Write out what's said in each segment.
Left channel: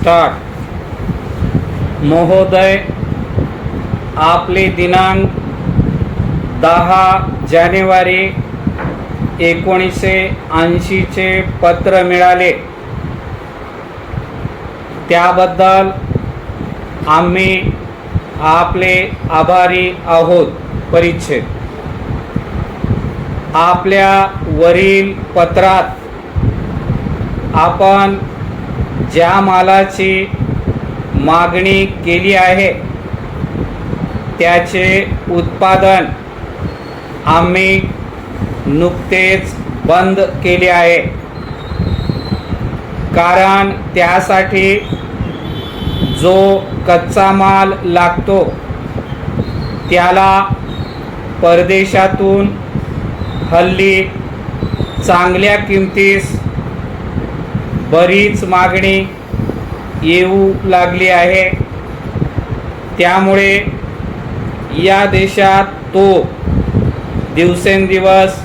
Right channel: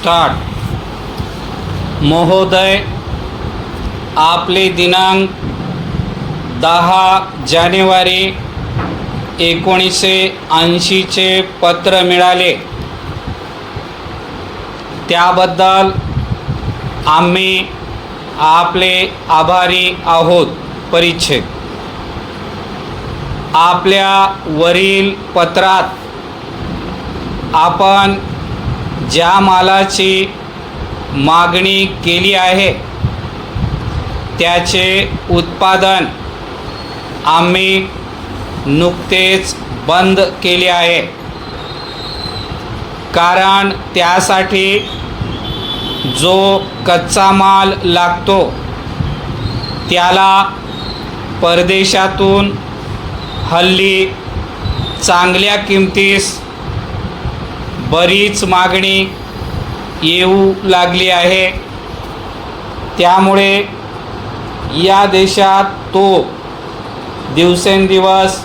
Start. महोदय, आपले दिनांक 10 जानेवारी 1980 चे पत्र मिळाले, त्याबद्दल आम्ही आपले आभारी आहोत। परिच्छेद। आपल्या वरील पत्रात आपण ज्या मालाची मागणी केली आहे त्याचे उत्पादन आम्ही नुकतेच बंद केले आहे, कारण त्यासाठी जो कच्चा माल लागतो त्याला परदेशातून हल्ली चांगल्या किमतीस बरीच मागणी येऊ लागली आहे। त्यामुळे या देशात तो दिवसेंदिवस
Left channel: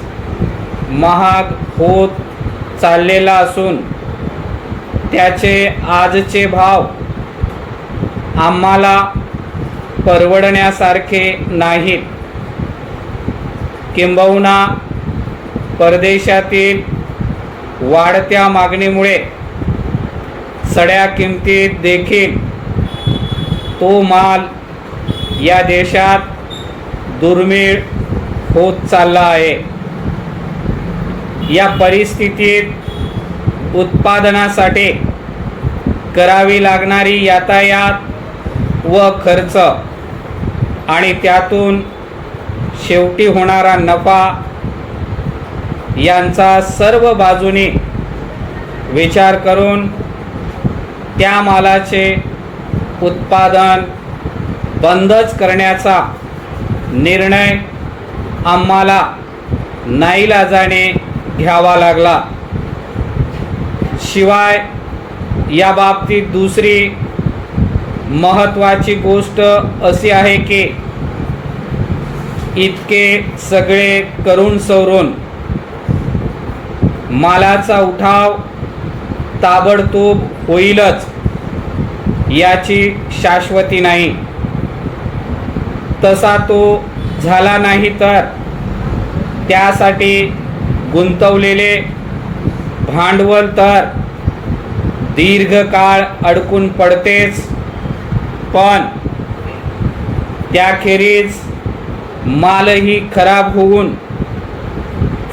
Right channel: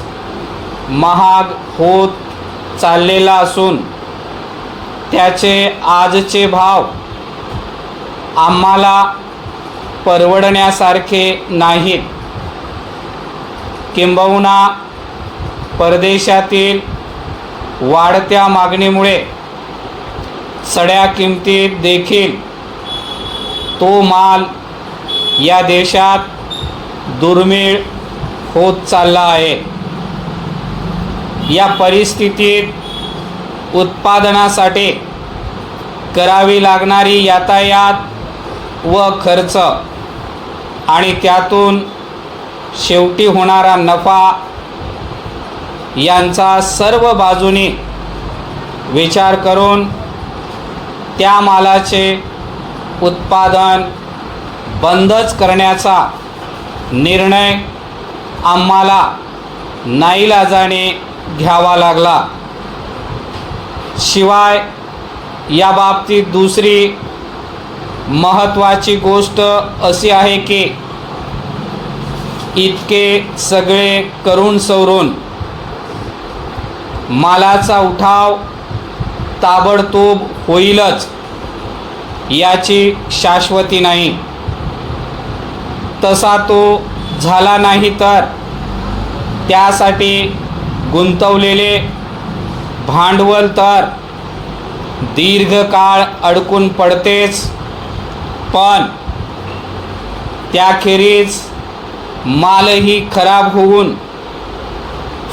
महाग होत चाललेला असून त्याचे आजचे भाव आम्हाला परवडण्यासारखे नाहीत। किंबहुना परदेशातील वाढत्या मागणीमुळे चढ्या किमतीत देखील तो माल या देशात दुर्मिळ होत चालला आहे। या परिस्थितीत उत्पादनासाठी करावी लागणारी यातायात व खर्च आणि त्यातून शेवटी होणारा नफा यांचा सर्व बाजूनी विचार करून त्या मालाचे उत्पादन बंदच करण्याचा निर्णय आम्हाला नाईलाजाने घ्यावा लागला। शिवाय या बाबतीत दुसरी महत्त्वाची गोष्ट अशी आहे की इतके सगळे करून सवरून मालाचा उठाव ताबडतोब होईलच याची शाश्वती नाही। तसा तो झाला नाही तर त्यासाठी गुंतवलेले भांडवल तर दीर्घकाळ अडकून पडतेच, पण त्याखेरीज मालही खराब होऊन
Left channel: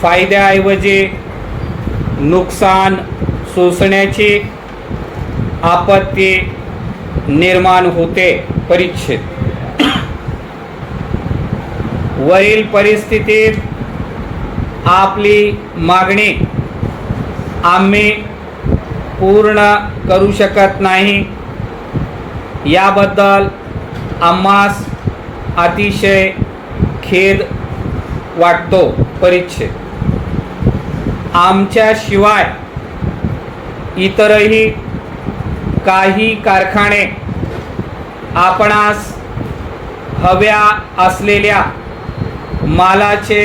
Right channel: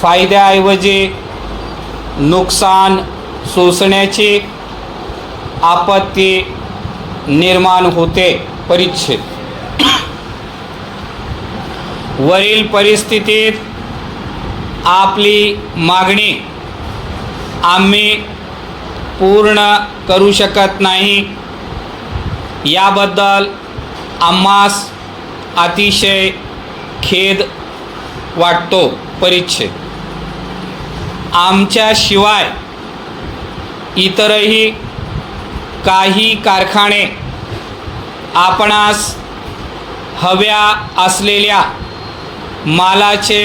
फायद्याऐवजी नुकसान सोसण्याची आपत्ती निर्माण होते। परिच्छेद। वरील परिस्थितीत आपली मागणी आम्ही पूर्ण करू शकत नाही, याबद्दल आम्हास अतिशय खेद वाटतो। परिच्छेद। आमच्याशिवाय इतरही काही कारखाने आपणास हव्या असलेल्या मालाचे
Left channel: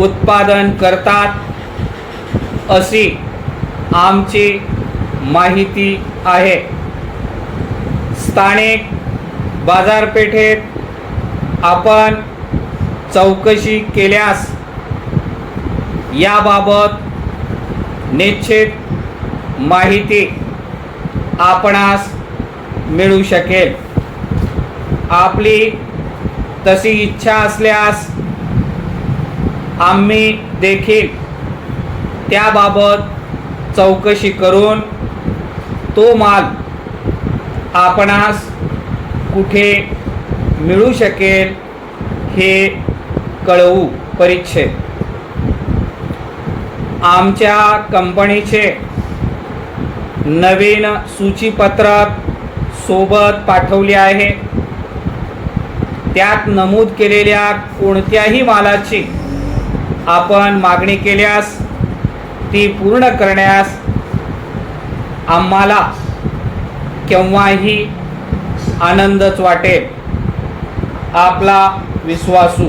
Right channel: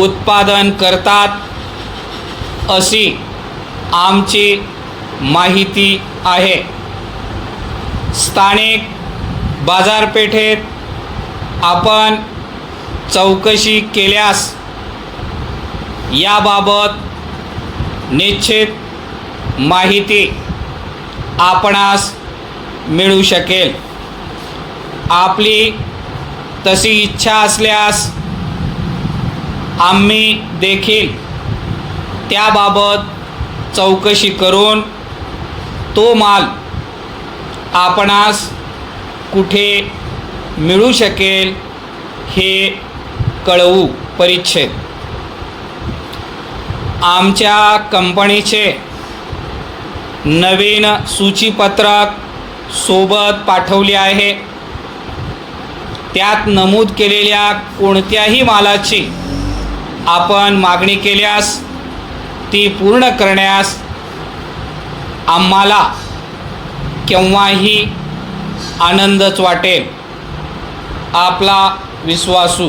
उत्पादन करतात अशी आमची माहिती आहे। स्थानिक बाजारपेठेत आपण चौकशी केल्यास याबाबत निश्चित माहिती आपणास मिळू शकेल। आपली तशी इच्छा असल्यास आम्ही देखील त्याबाबत चौकशी करून तो माल आपणास कुठे मिळू शकेल हे कळवू। परिच्छेद। आमच्या कंपनीचे नवीन सूचीपत्रक सोबत पाठवले आहे। त्यात नमूद केलेल्या कोणत्याही मालाची आपण मागणी केल्यास ती पूर्ण करण्यास आम्हाला केव्हाही आनंदच वाटेल। आपला विश्वासू